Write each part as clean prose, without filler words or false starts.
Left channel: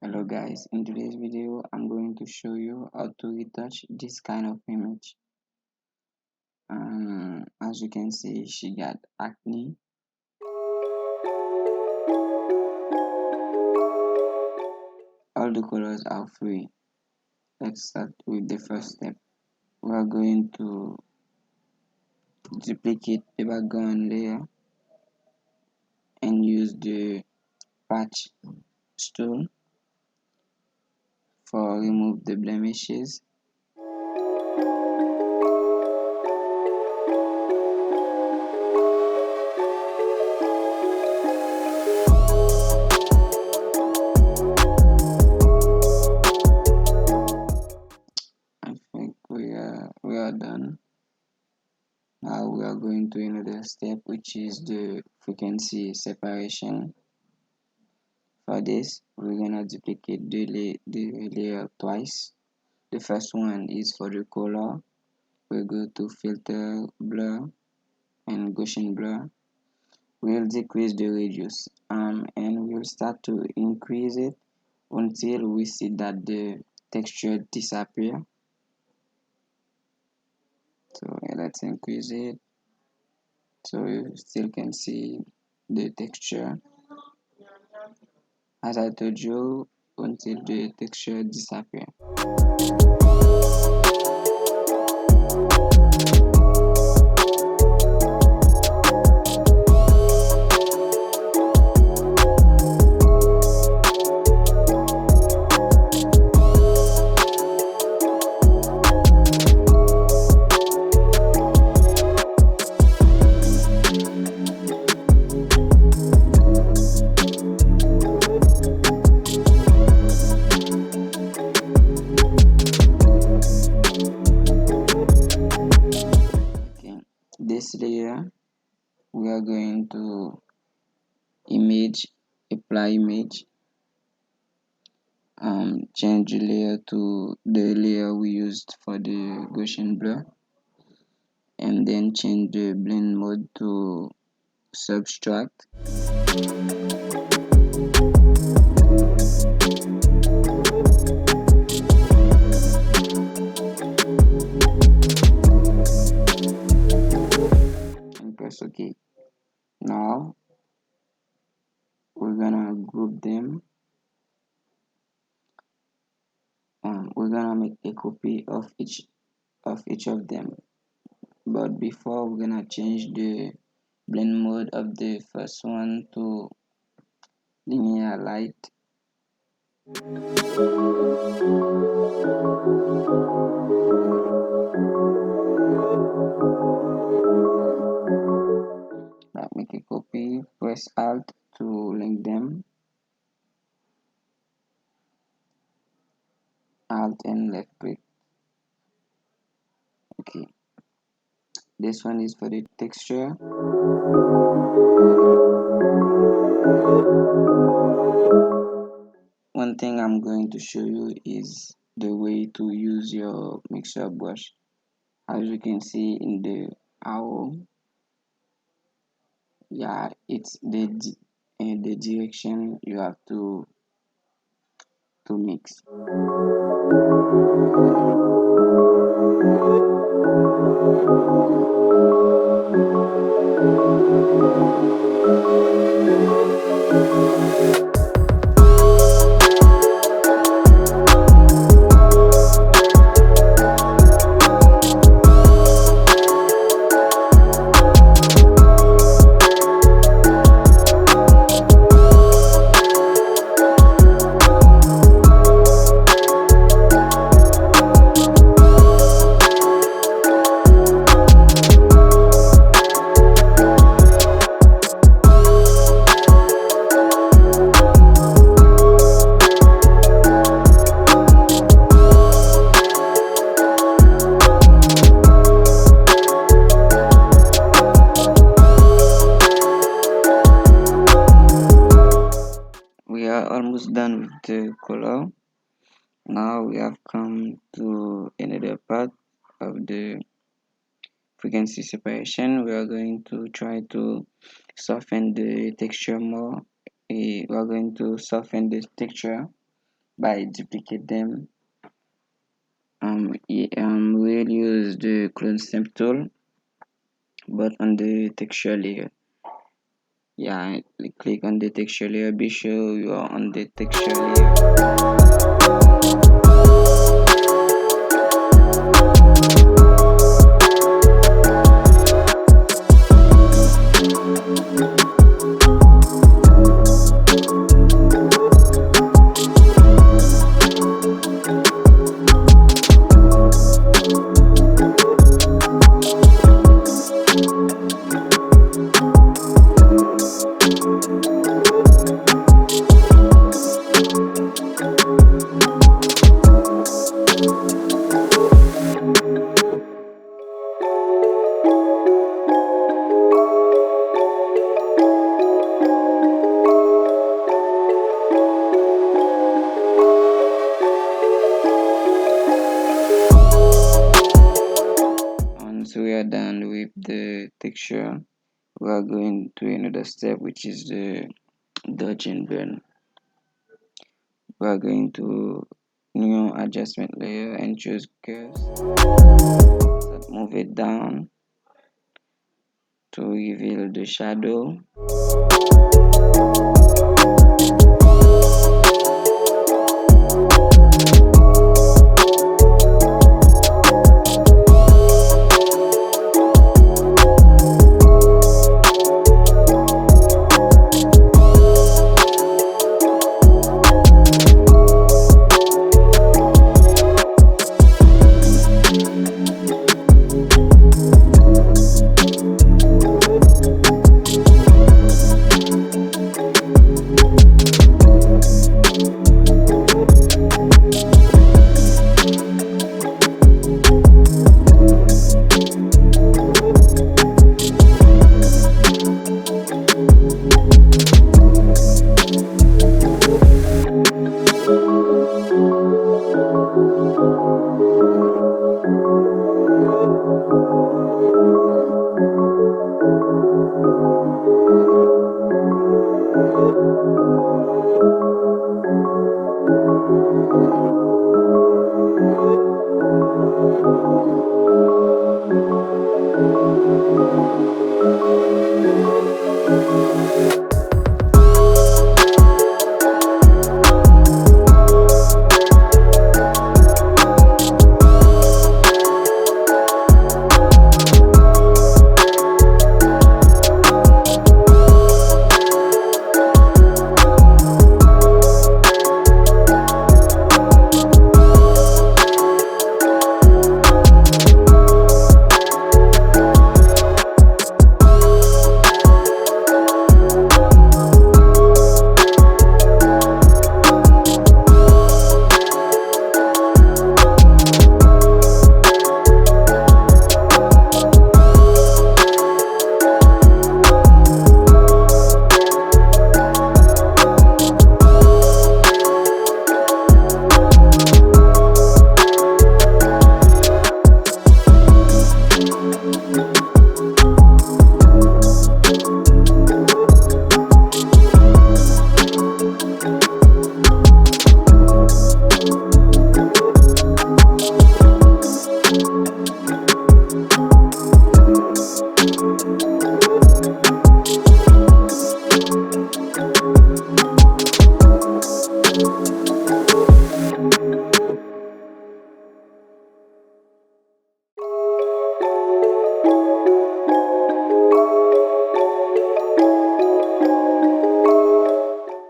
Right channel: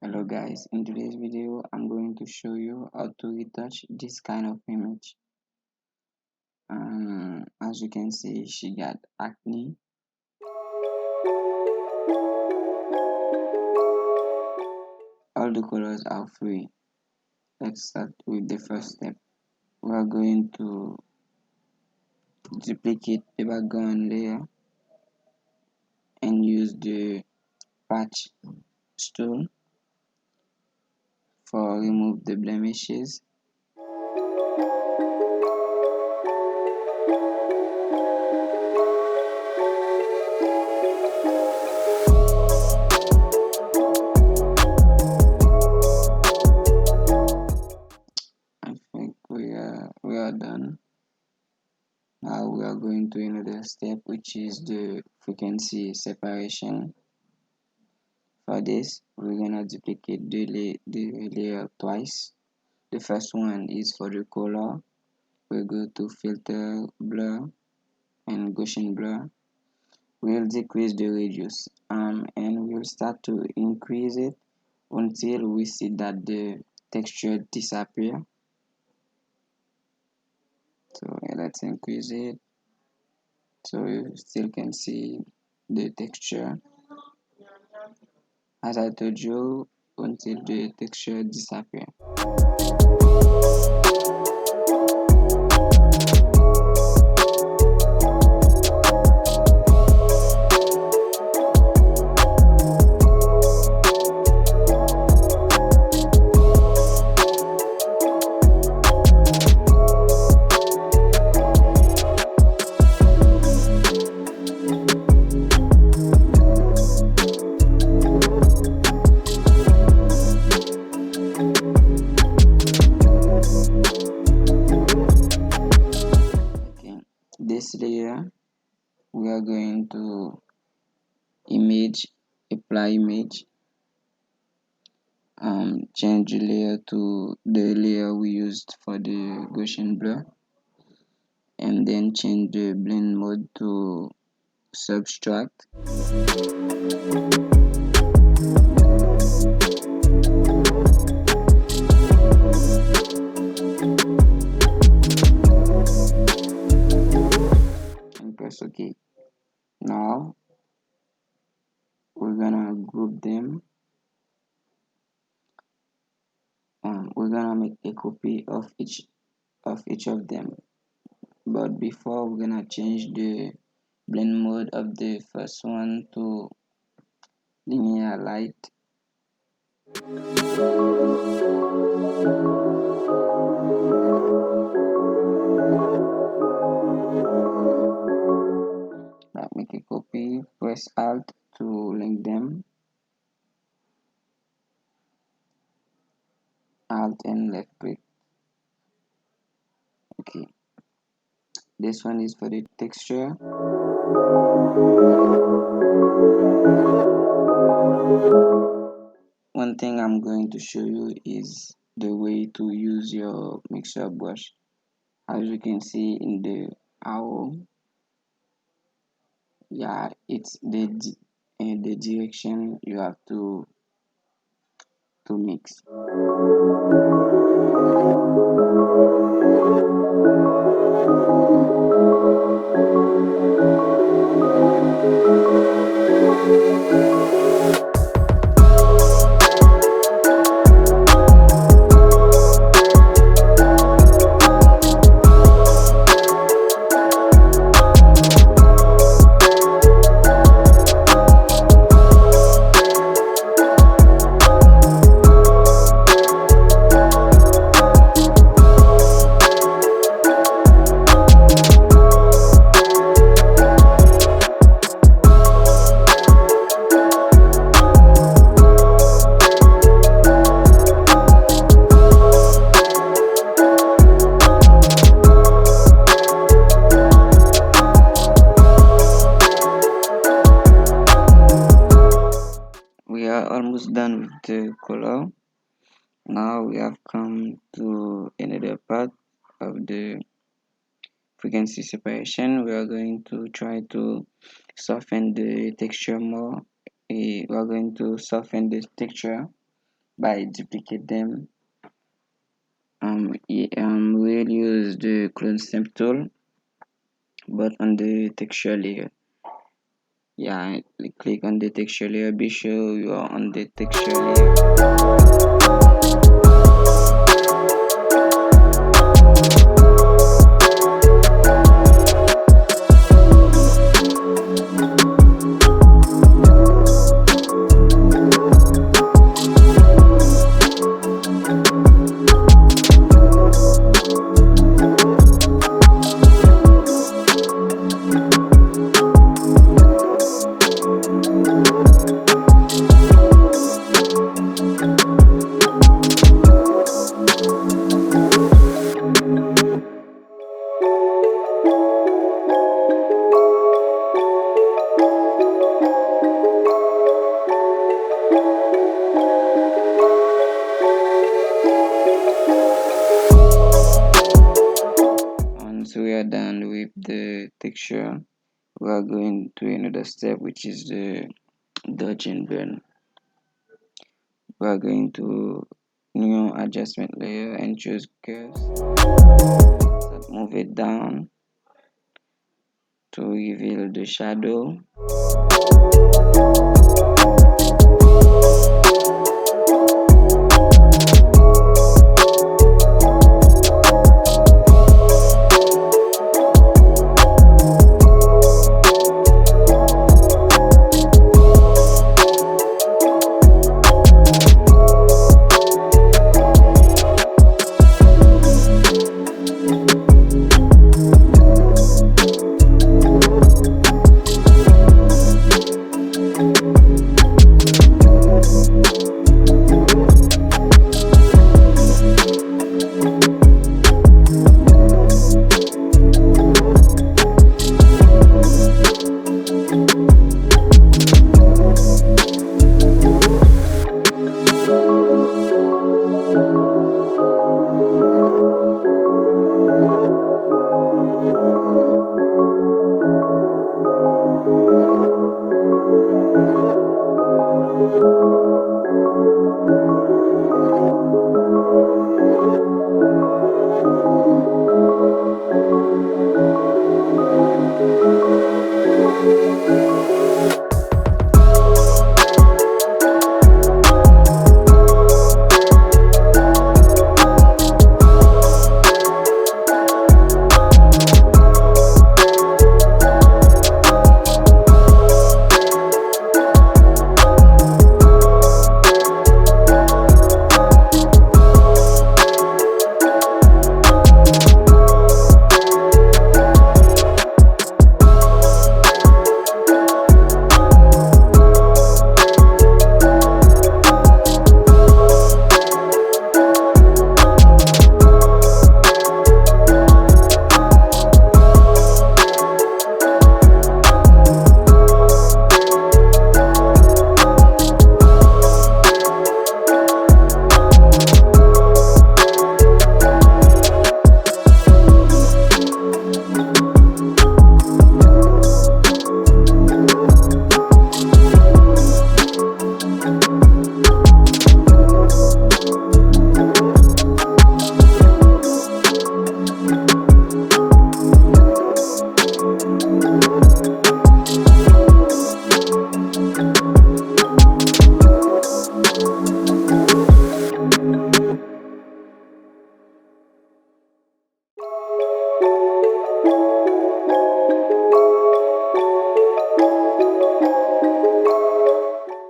Hello guys, in today's video I'm going to show you how to retouch this kind of image. As you can see, she got acne. All the colors are free. Let's start with the first step. We are going to duplicate the background layer and use the patch tool for remove the blemishes. I think we are done. Now we are going to another step, which is the frequency separation. For this, we're gonna duplicate the layer twice. The first one is for the color. We'll go to filter, blur, and Gaussian blur. We'll decrease the radius, and we'll start to increase it until we see that the texture disappear. So let's increase it so you still can see the texture. As I told you, until the texture disappear. This layer we are going to apply image, change the layer to the layer we used for the Gaussian blur, and then change the blend mode to subtract. And press OK. Now we're gonna group them. We're gonna make a copy of each of them, but before we're gonna change the blend mode of the first one to linear light. Make a copy, press Alt to link them, Alt and left click. Okay, this one is for the texture. One thing I'm going to show you is the way to use your mixer brush. As you can see in the arrow, yeah, it's the direction you have to mix. We are almost done with the color. Now we have come to another part of the frequency separation. We are going to try to soften the texture more. We are going to soften the texture by duplicate them. We'll use the clone stamp tool, but on the texture layer. Yeah, click on the texture layer. Be sure you are on the texture layer. Once we are done with the texture, we are going to another step, which is the dodge and burn. We are going to new adjustment layer and choose curves. Move it down to reveal the shadow.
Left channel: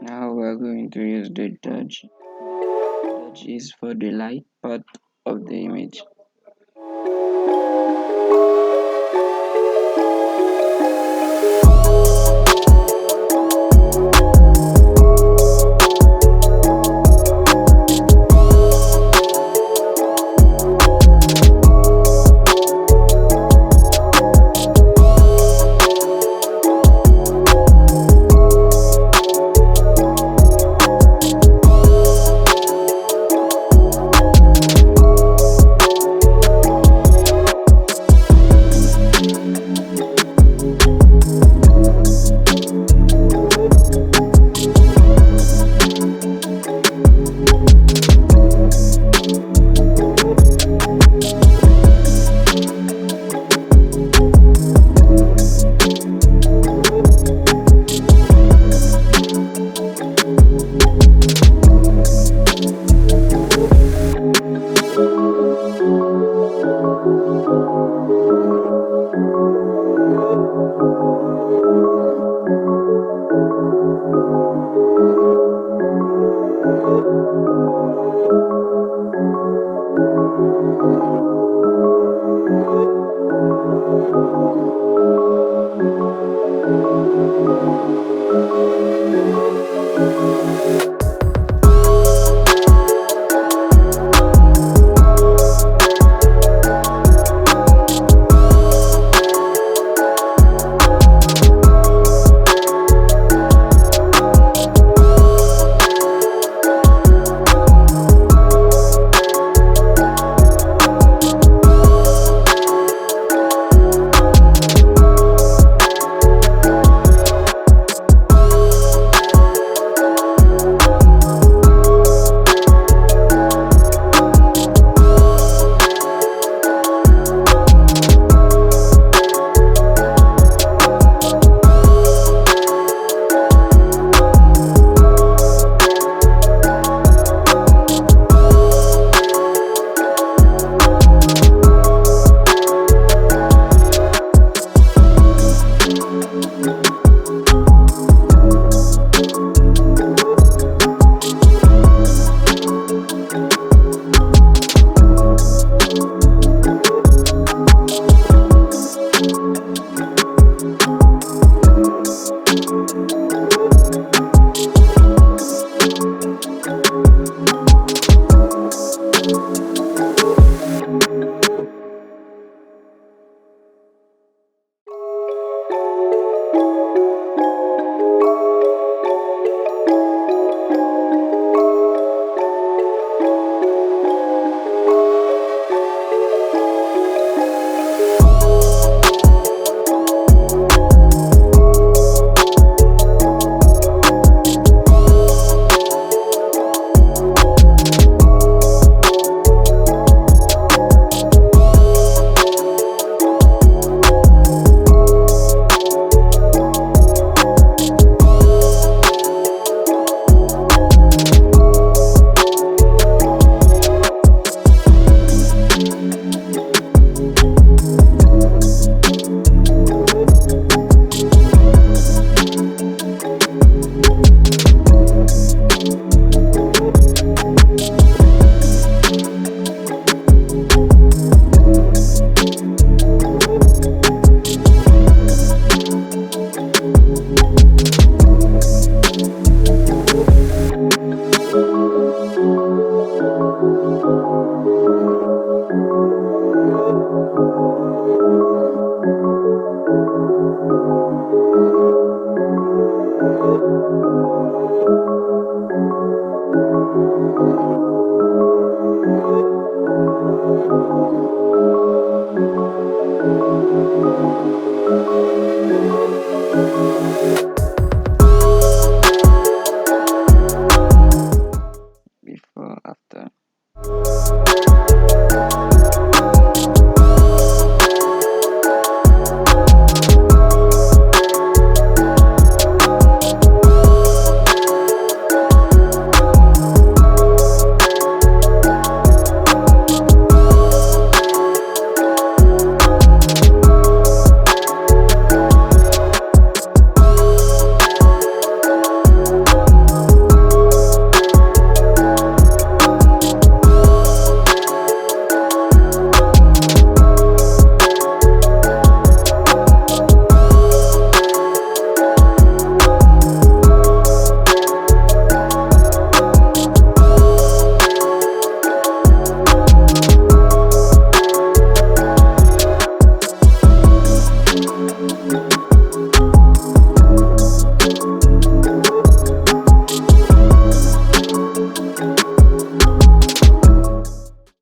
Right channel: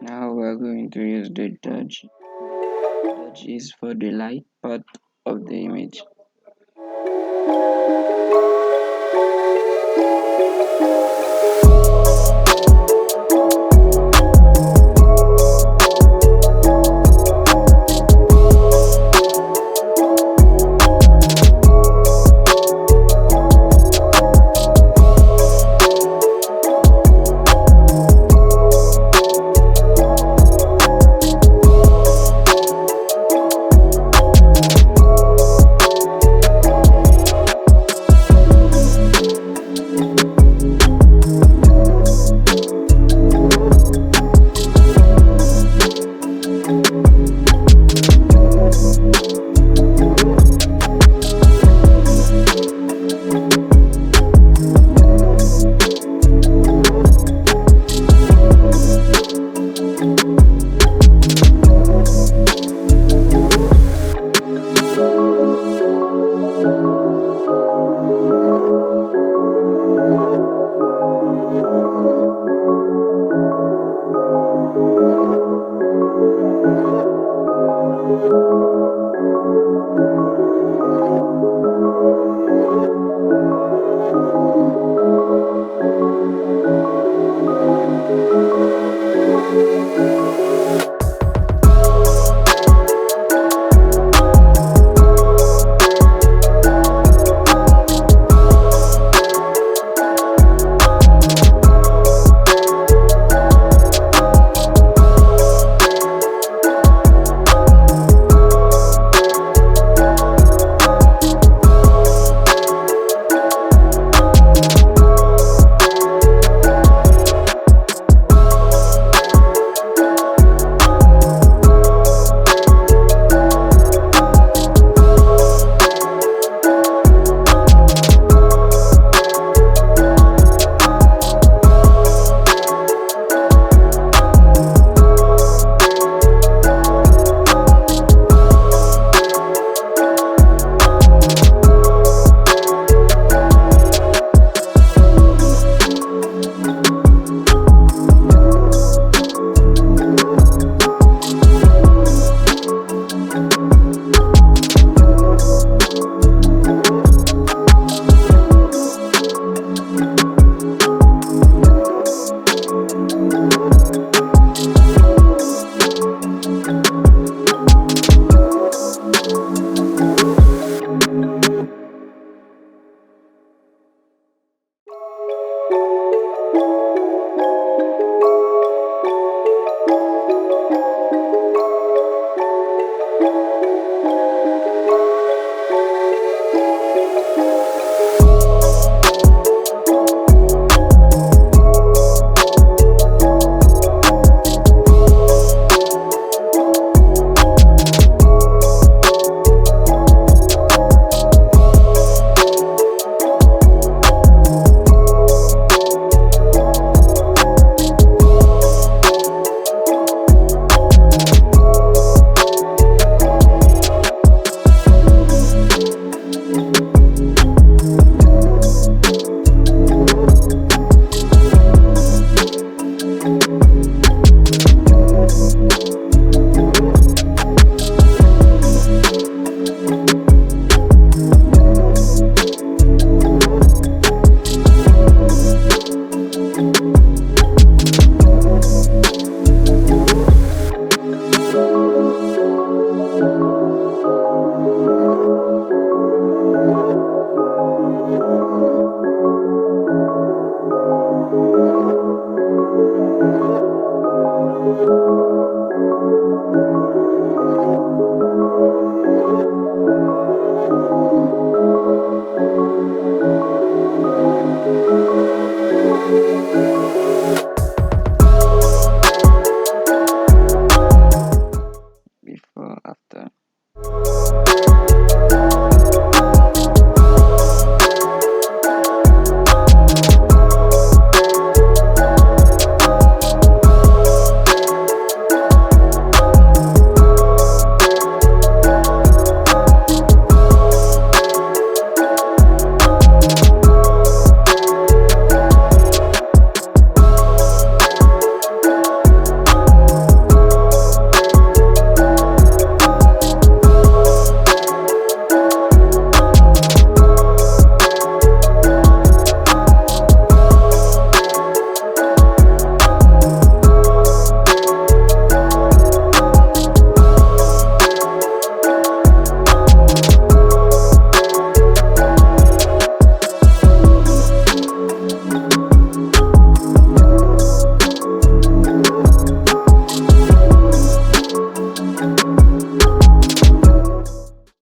Now we are going to use the dodge. Dodge is for the light part of the image.